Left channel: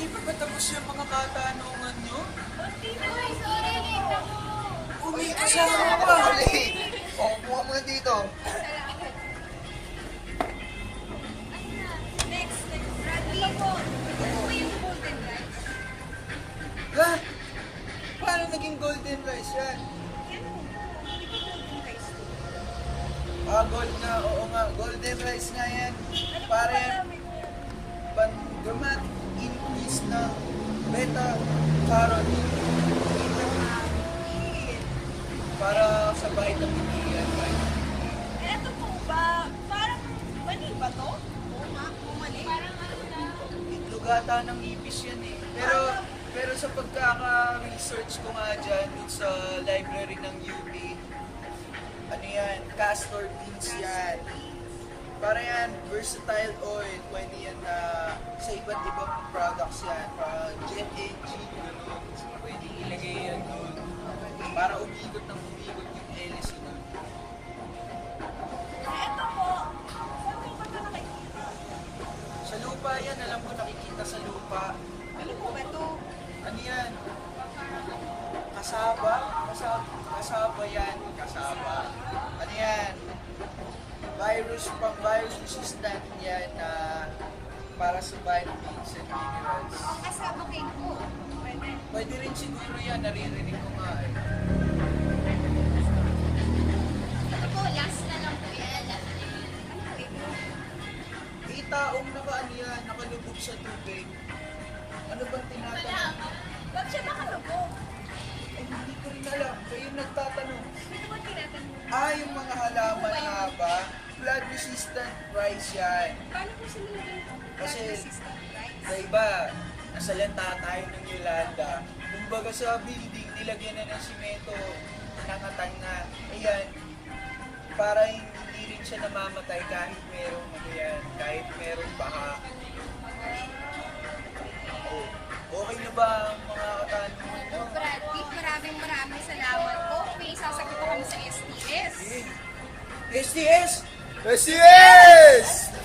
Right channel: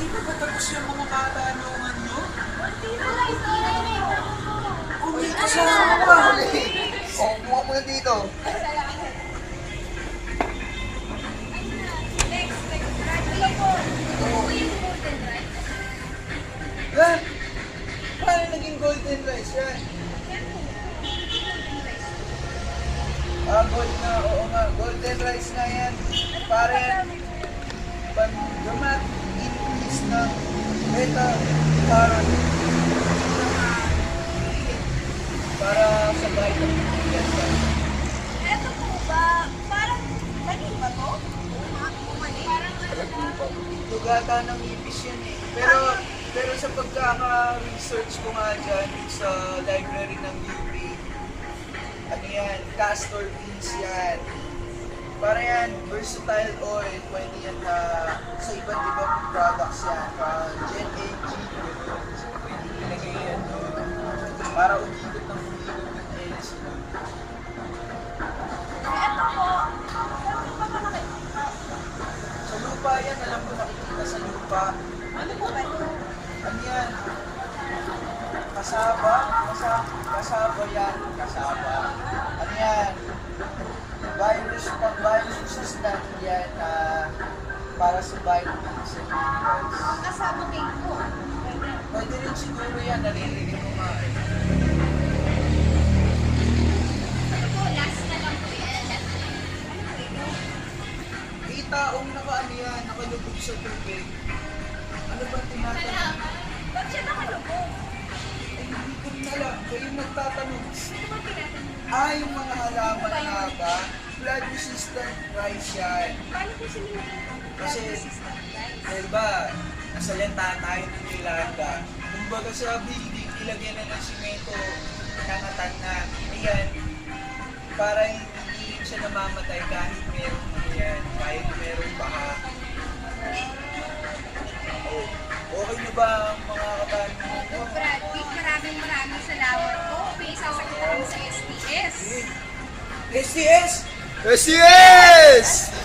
Hindi pa ba tapos yung mga katanungan nyo? Uy, kasama ka! O, kumuha muna dito. Ha? Paano naging golden rice yan? Gold na, oo nga, golden rice nga yan. Para yan, dramatic increase na beta-carotene. Para sa vitamin D yan ba? Ito po ba, parang laging ba to? Parang ano na? Lugata ng ipis yan eh. Pero sa pagkaka-research ko nga dyan sa library ng UP, ano yan, castor beans yan. Para yan, versatile oil, pwede yan na sa iba't ibang products yan. Jet engine, pwede ilagay yan doon. Para umikot ng LSD. Ito po, Sa lupa yan, alam ko nakikita sa lupa. ano po ba ito? Ano yan? Kasaba? Kasaba yan. Kasaba. Ano yan? Virus resistant yan para sa vitamins and minerals. Kasama cake po. Pwede rin siguro yan, nalilinig mo nga eh. Ito po, last na lang po yan. Last na yan. Ano po ito? Itaong ano yan, nakalubog sa tubig. Ano ba tinatanong? Halaman. Ba't siya nakalubog? Eh, hindi ko rin alam. Kayo yung nagtatanong. Sino ba tinatanong? Yung mga halaman nga ba? Blood resistant rice yan. Paano po sila nagtatanong? Kasi, Resistant rice. diba, nasalanta tayo ng nilanda. Kumbaga sa building, ilagyan na ng simento, nakatan na. Ayan, para hindi rin siya namamatay kahit merong ano yan, kahit merong baha. Oh, okay na ba ang mga katanungan mo? Brad Pitt, maraming salamat po. May sasagot ako sa STS. STS! Yes!